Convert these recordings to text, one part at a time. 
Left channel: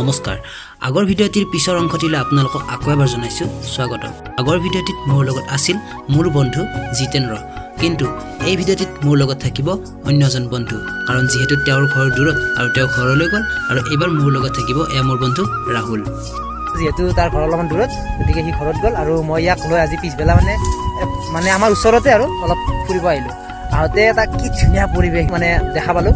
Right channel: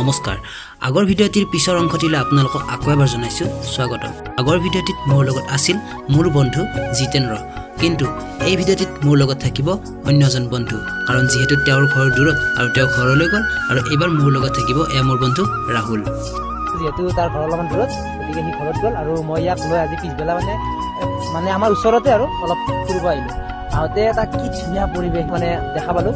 নমস্কাৰ আগৰ ভিডিঅ'টিৰ পিছৰ অংশটিলৈ আপোনালোকক আকৌ এবাৰ জনাইছো স্বাগতম আগৰ ভিডিঅ'টিত মোৰ লগত আছিল মোৰ বন্ধু জিতেন্দ্ৰ কিন্তু এই ভিডিঅ'টিত মোৰ লগত থাকিব অন্য এজন বন্ধু কাৰণ যেহেতু তেওঁৰ ঘৰ দূৰত আৰু তেওঁ ঘৰলৈ গ'ল আৰু এবাৰ মোৰ লগত থাকিব মোৰ বন্ধু ৰাহুল যেহেতু তাৰ ঘৰ অলপমান দূৰত গতিকে সি ঘৰত গ'ল আৰু মই ইয়াক লৈ আজি পিছবেলা মানে আমাৰ ওচৰতে আৰু অলপ ফুৰিব আহিলোঁ আহোঁতে এটা কি ধুনীয়া পৰিৱেশ মানে দেখা পালোঁ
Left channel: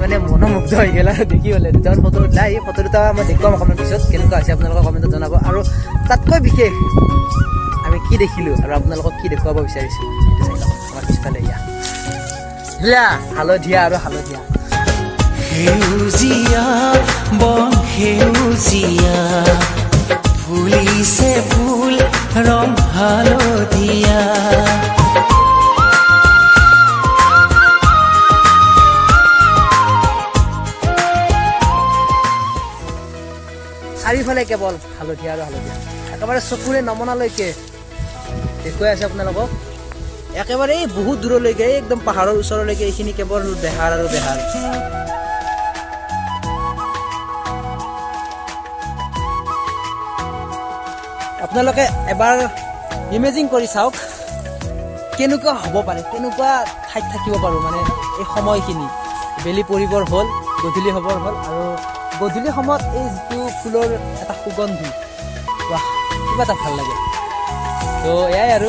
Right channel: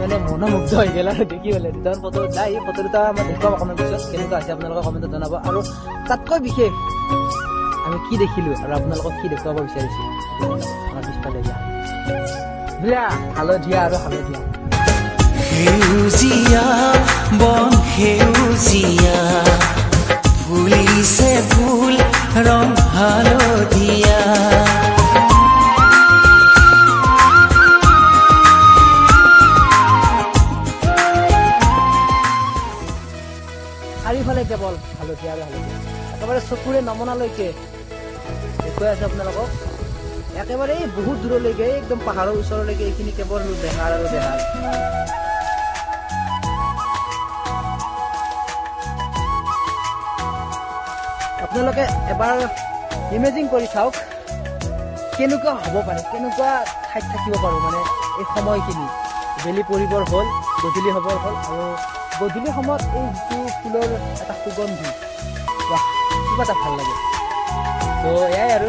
মানে মনোমুগ্ধ হৈ গ'ল দেখি হ'লে দুটামান ফটো উঠাই এই ফটো দুটা মই দেখুৱাম অকণমান পিছত কেনেকুৱা হৈছে আপোনালোকক কমেণ্টত জনাব আৰু তাতকৈ বিশেষ আমি কি দেখিলোঁ আৰু আপোনালোকক কি দেখুৱাব বিচাৰিছোঁ পিছফালে দিয়া হালধীয়া আৰু হালধীয়া সেউজীয়া বন সেউজীয়া ফুলিছে ফুল ৰং হালধীয়া চাৰিওফালে কেৱল হালধীয়া আৰু হালধীয়া একেবাৰে চকুৰে নমনালৈকে দেখুৱাই আছে আপোনালোকক একেবাৰে বহুত দূৰলৈকে একদম পাহাৰৰ ওচৰলৈকে এইখিনি কেৱল বেহাৰ আৰু বেহাৰ আপোনালোকে এবাৰ ইমেজিন কৰি চাওক কেনেকুৱা হ'ব পাৰে কেনেকুৱা ঠাইত থাকিব পাৰোঁ মানে এই সময়খিনি বেলি পৰিবৰ হ'ল গধূলি হ'বৰ হ'ল আৰু গধূলি সময়ত এই যিটো ফুলৰ এটা সুগন্ধি কিবা এটা ভাল লাগে তো এয়াই আৰু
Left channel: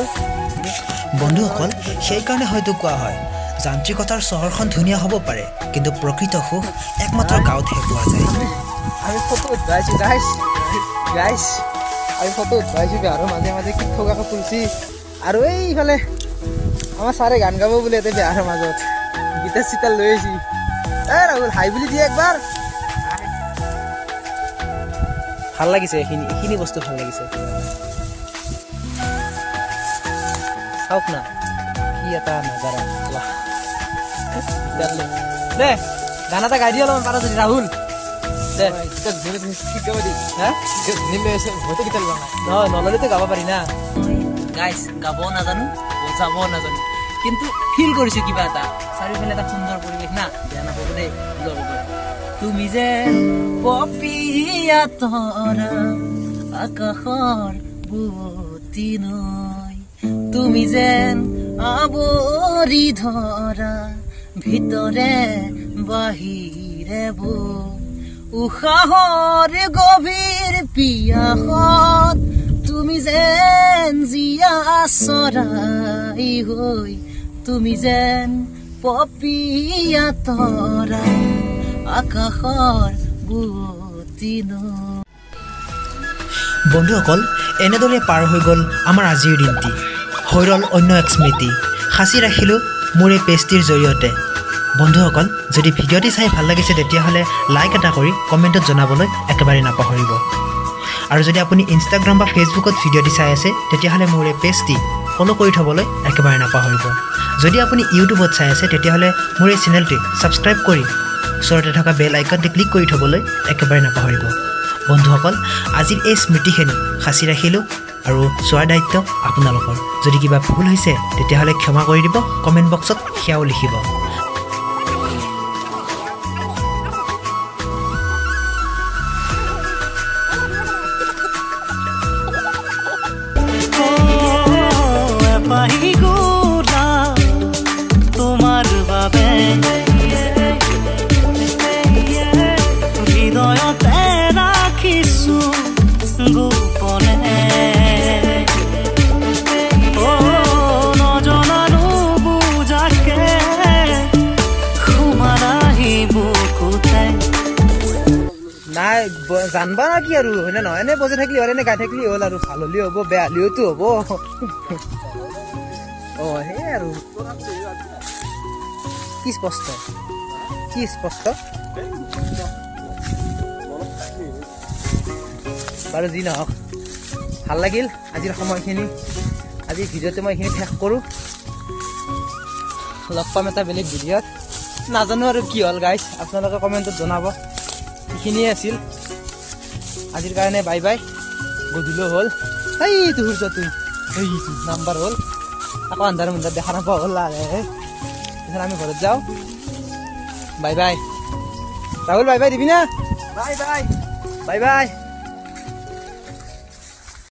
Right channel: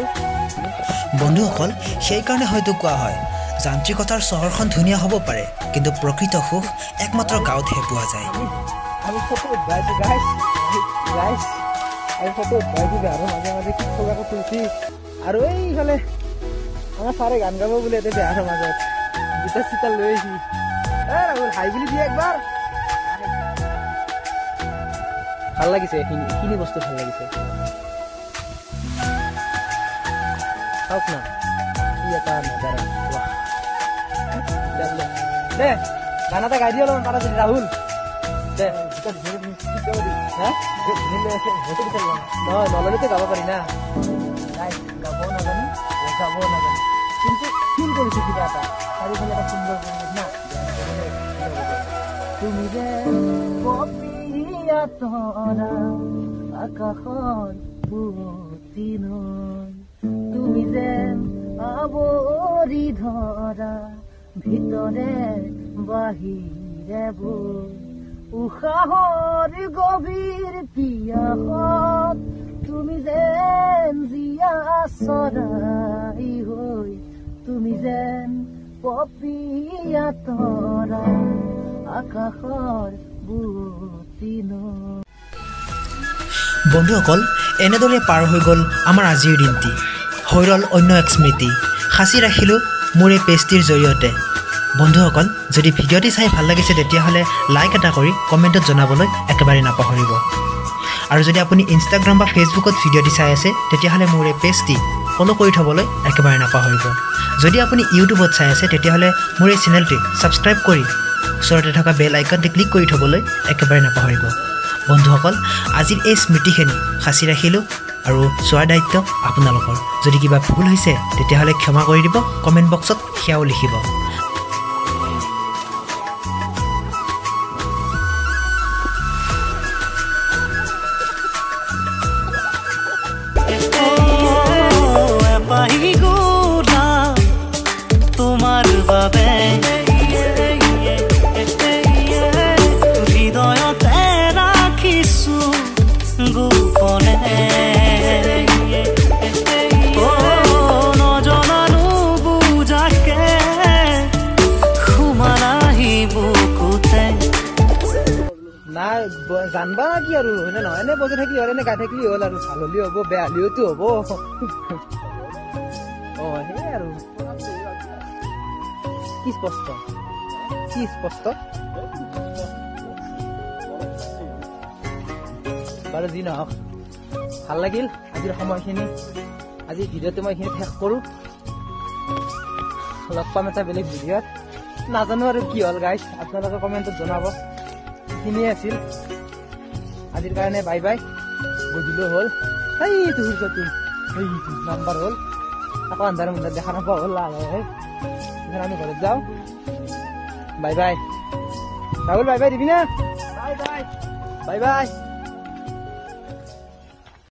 বন্ধুসকল সেইকাৰণে হয়তো কোৱা হয় যান্ত্ৰিকতাৰ চহৰখন ধুনীয়া হ'ব পাৰে কিন্তু প্ৰকৃত সুখ একমাত্ৰ গাঁৱতহে পোৱা যায় আৰু ফটো উঠাইছোঁ গাইছ আৰু ফটো উঠাইছোঁ আৰু মাজে মাজে থকা ফুলছি আৰু এইফালে আমাৰ ছাৰে গান গাব বুলি ইয়াতে বেয়াৰ মাজত গীটাৰ চিটাৰ লৈ আহিছি ৰাহুল হাই বুলি দিয়ে একবাৰ ভাল লাগিছে এইখিনি বস্তু ভাল লাগিছে চাওক না কি এটা দে গান এটা গাই দিয়া পাৰা যদি ৰাহুল নললেতো গাব পাৰি না গাইছ গাবও নাজানো বজাবও নাজানো কিন্তু ফিল কৰিছোঁ কিবা এটা চাৰিওফালে এটা সুন্দৰ পৰিৱেশ না তুমি যে পপিয়া তৰা আকাশৰ বুটি নৈ তুমি যেন আৱৰি ধৰা ভিতৰে বাহিৰে উশাহৰ গভীৰ পিয়াসত তুমি যেন জীয়া চৰাই হৈ তুমি যেন পপিয়া তৰা আকাশৰ বুটি নৈ বন্ধুসকল এনেদৰে পাৰ হৈ গ'ল আমাৰ আজিৰ দিনটি হৈ ৰ'ল অন্য এক স্মৃতি সাঁচি ৰাখিলোঁ মোৰ এই পেজটিৰ জৰিয়তে বন্ধুসকল যদি ভিডিঅ'টি চাই ভাল লাগিছে তেতিয়াহ'লে লাইক এটা কৰি কমেণ্টত জনাবলৈ একেবাৰে নাপাহৰিব আৰু যদি আপুনি ইনষ্টাগ্ৰাম বা ফেচবুকত ভিডিঅ'টি চাই আছে তেতিয়াহ'লে মোৰ এই পেজটি ফ'ল' কৰি থ'বলৈ একেবাৰে নাপাহৰিব যদি আপুনি ইউটিউবত চাই আছে তেতিয়াহ'লে মোৰ এই চেনেলটি ছাবস্ক্ৰাইব কৰি ওচৰতে থকা বেল আইকনটি ক্লিক কৰি থ'বলৈ একেবাৰে নাপাহৰিব বন্ধুসকল আজিৰ এই স্মৃতিখিনি সাঁচি ৰাখিলোঁ আৰু চোৱাৰ দায়িত্ব আপোনালোকৰ যদি কিবা ভুল হৈছে তেতিয়াহ'লে ক্ষমা কৰি দিব কমেণ্ট বক্সত সেয়াও লিখিব তোমাৰ বাবে হৃদয়তে ৰাখিছো গোপনে নজনানো বুজাকে সোমালাহি বুকুতে নাই জানবা না কি আৰু হয়নে নহয় এনে বজাই থাকিলে হ'ল এনে গাই থাকিলে হ'ল আৰু ভাল হ'লেও হ'ব বেয়া হ'লেওতো হ'ব সেই আৰু কি স্পষ্ট আৰু যি নহওক ভাল লাগিল আজিৰ সময়খিনি আজিৰ ভিডিঅ'টো মই এইখিনি শেষ কৰোঁ লগ পাম এটা বেলেগ ভিডিঅ'ত নাজানো আৰু কি হ'ল গাইছ আপোনালোকে কমেণ্টত জনাব এইখিনিয়ে আছিল আজিৰ কাৰণে বাই বাই গধূলি হ'ল সেইটো সূৰ্যটো নাম্বাৰ হ'ল আকৌ আন্ধাৰ মুন্ধাৰ দেখা নাপাওঁ হ'ল লাহে আমি ঘৰত যাওঁ bye bye Rahul bye bye দিবি না বাই বাই বাই বাই।